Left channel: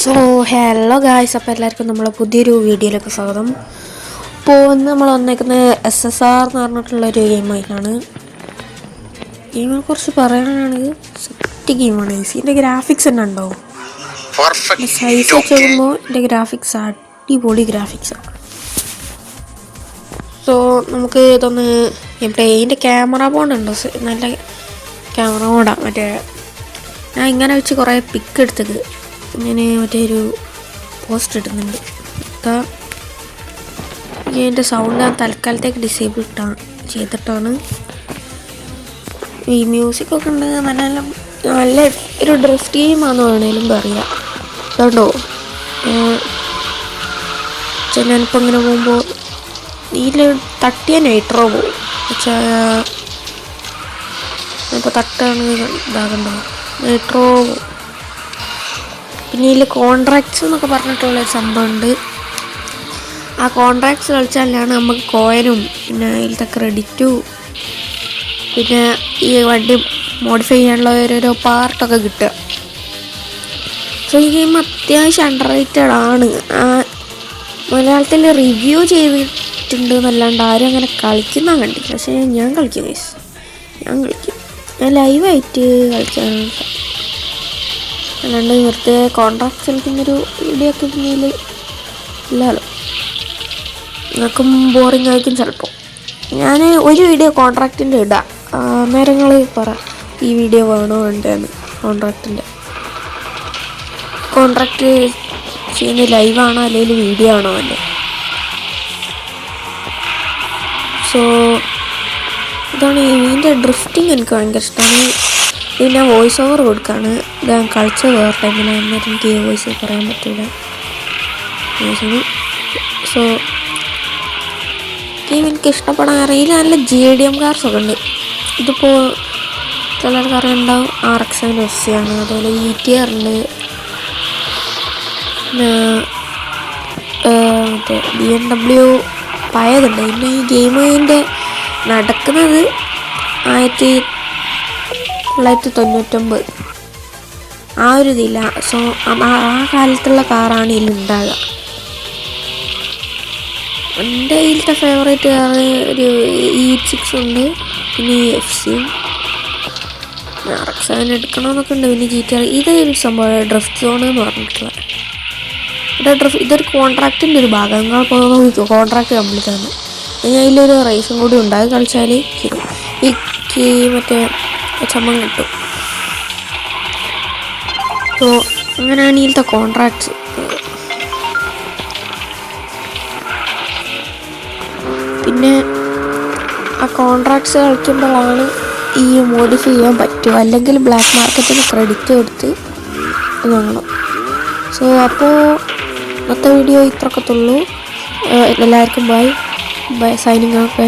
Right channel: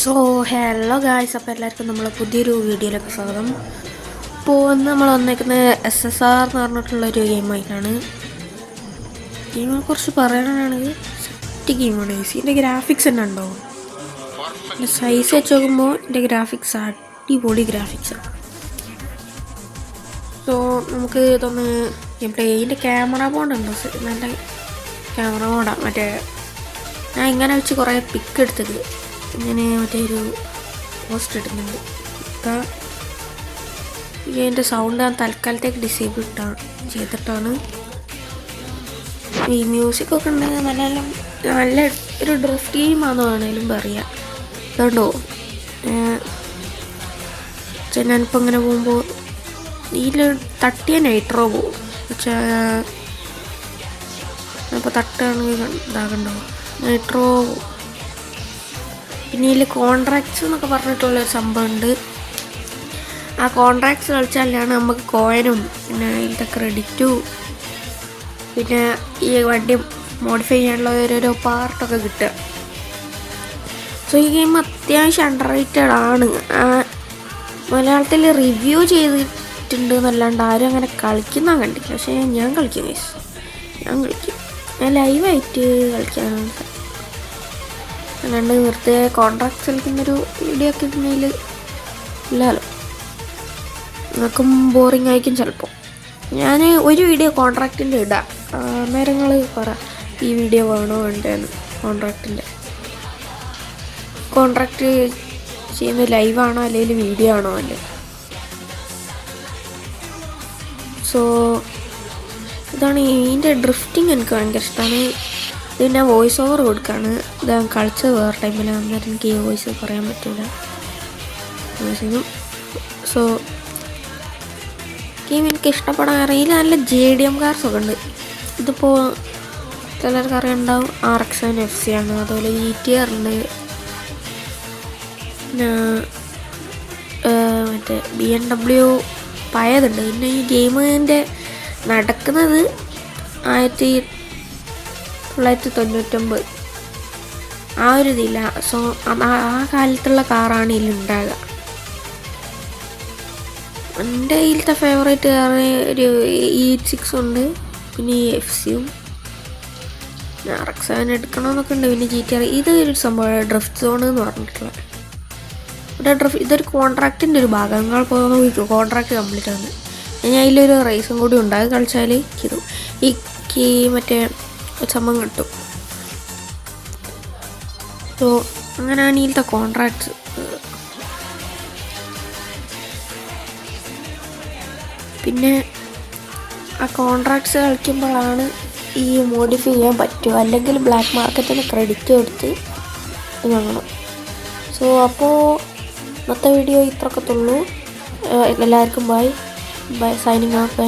So hello guys, അപ്പോൾ എല്ലാവർക്കും നമ്മളെ പുതിയൊരു വീഡിയോയിലേക്ക് സ്വാഗതം. ഇപ്പോൾ നമ്മൾ വന്നേക്കുന്നത് SSR എന്ന് പറഞ്ഞിട്ടുള്ളൊരു ഗെയിമായിട്ടാണ്. ഗെയിമിനെ കുറിച്ച് പറയുകയാണെങ്കിൽ സെറ്റ് ഗെയിമാണ്. ഇതിൻ്റെ ഗ്രാഫിക്സ് തന്നെ ഉണ്ടാവും. സൈസ് വെച്ച് നോക്കുമ്പോൾ ഇതിൻ്റെ ഗ്രാഫിക്സ് അടിപൊളി ഗ്രാഫിക്സാണ്. സോ നമുക്ക് ഇതൊന്ന് ഇവിടെ ഇതിൻ്റെ ക്യാമറ ബോണ്ടുണ്ടോ, നല്ല ക്യാമറ ബോണ്ടാണ്. മറ്റേ ഞാൻ ഇങ്ങനെ വെച്ച് കുറേ പിക്ക് എടുത്തത് ഇങ്ങനെ മറ്റേ ഒരു പോസ്റ്റ് ഇടുന്നുണ്ട്. ഇതിൻ്റെ സൗണ്ട് ഞാൻ തൽക്കാലത്തേക്ക് ഡിസേബിൾ ചെയ്തിട്ടാണ്. ഈ മ്യൂസിക്കൊക്കെ ഉണ്ടെങ്കിൽ നല്ല ഒരു ഡ്രിഫ്റ്റ് ഗെയിമാണെന്ന് വേണമെങ്കിലും പറയാം. അതുകൊണ്ടോ ഞാനിപ്പോൾ ഇങ്ങനെ പോകുമ്പോൾ ഇതിൽ തട്ടിയ നൈട്രോ പോകും. ഇപ്പോൾ തട്ടാണ് ഇതാകണ്ടോ നൈട്രോ. പിന്നെ ഇതിൽ കോൺട്രാക്ട്സ് എന്നൊക്കെ പറഞ്ഞിട്ടുള്ള സംഭവമുണ്ട്. ആ കോൺട്രാക്ട്സ് കളിച്ചാലാണ് നമുക്ക് കോയിനും പിന്നെ ഇതിലത്തെ ക്രെഡിറ്റും പിന്നെ ഈ വണ്ടി മോഡിഫൈ ചെയ്യാനുള്ള ഓരോരോ പാർട്ടൊക്കെ കിട്ടുക. സോ ഈ ഗെയിം അത്യാവശ്യം അണ്ടർ റേറ്റഡ് ആണ്. മലയാളത്തിൽ റിവ്യൂ ചെയ്തിട്ടുണ്ട് എന്നല്ലാണ്ട് ആരും അങ്ങനെ കളിക്കുന്ന കണ്ടില്ല. പക്ഷേ ഞാൻ കളിക്കും, ഞാൻ ലൈവായിട്ട് കളിക്കാൻ. അല്ലാണ്ട് വെറുതെ കോൺട്രാക്ട്സ് കളിക്കുന്നൊരു വീഡിയോ ഒക്കെ ഇടുന്നതിൽ ഇല്ലല്ലോ, നമുക്കും ബോറിങ് ആയിരിക്കും ചിലപ്പോൾ. ഞാൻ ഒരു വീഡിയോ കോൺട്രാക്റ്റിൻ്റെ ഇടാം, നേരങ്ങൾ പറ ഈ വീഡിയോ വേണോ വേണ്ടതെന്ന്. കോൺട്രാക്റ്റ് ചെയ്യുന്ന ലൈവാണോ അല്ലെങ്കിൽ വീഡിയോ ആണോ അല്ലേ. സോ ഇതാണ് ഇതിൻ്റെ ഡ്രിഫ്റ്റിംഗ്. എനിക്ക് ഭയങ്കര ഇഷ്ടമാണ്. ഇത് ഞാൻ വോയിസ് ഓവർ കൊടുക്കുകയാണ്. ഞാൻ കളിച്ചത് വേറെ ടൈമിലാണ്, എനിക്ക് വോയിസ് പറയാൻ പറ്റില്ല. സോ ഗെയിം എനിക്ക് ഇഷ്ടപ്പെടാൻ അറിയില്ല. നല്ല JDM കാർസ് ഒക്കെ ഉണ്ട്. ഇതിപ്പോൾ ചിലർക്ക് അറിയുണ്ടാവും RX-7 FC ആണ്. അതുപോലെ ETR ഉണ്ട്, മറ്റേ BMW പഴയതുണ്ട്. പിന്നെ ഈ ഗെയിമിൻ്റെ നടക്കുന്നത് 1999 ആ ഒരു ഇതില്ല. സോ ആ കാലത്തുള്ള കാറാണ് ഇതിലുണ്ടാകുക. എൻ്റെ ഇതിലത്തെ ഫേവറേറ്റ് കാർ ഒരു E6 ഉണ്ട്, പിന്നെ FC, RX-7 എടുക്കണമെന്നൊക്കെ ഉണ്ട്, പിന്നെ GTR. ഇതൊരു സംഭവം ഡ്രിഫ്റ്റ് സോൺ എന്ന് പറഞ്ഞിട്ടുള്ള ഇതൊരു കോൺട്രാക്റ്റിൻ്റെ ഒരു ഭാഗം. നിങ്ങൾ പോകുമ്പോൾ കോൺട്രാക്റ്റ് കംപ്ലീറ്റ് ആണ്. ഞാൻ അതിലൊരു റേസും കൂടി ഉണ്ടായി കളിച്ചാൽ ഈ മറ്റേ ചമ്മം കിട്ടും. സോ അങ്ങനെയാണ് ഇതിലത്തെ കോൺട്രാക്ട്സ്. പിന്നെ ആ കോൺട്രാക്ട്സ് കളിക്കുമ്പോഴാണ് ഈ മോഡിഫൈ ചെയ്യാൻ പറ്റുക, അല്ലെങ്കിൽ ബ്ലാക്ക് മാർക്കറ്റിന് ക്രെഡിറ്റ് കൊടുത്ത് വാങ്ങണം. സോ അപ്പോൾ ഇന്നത്തെ വീഡിയോ ഇത്രയൊക്കെ ഉള്ളൂ. എല്ലാവർക്കും ബൈ. Signing off.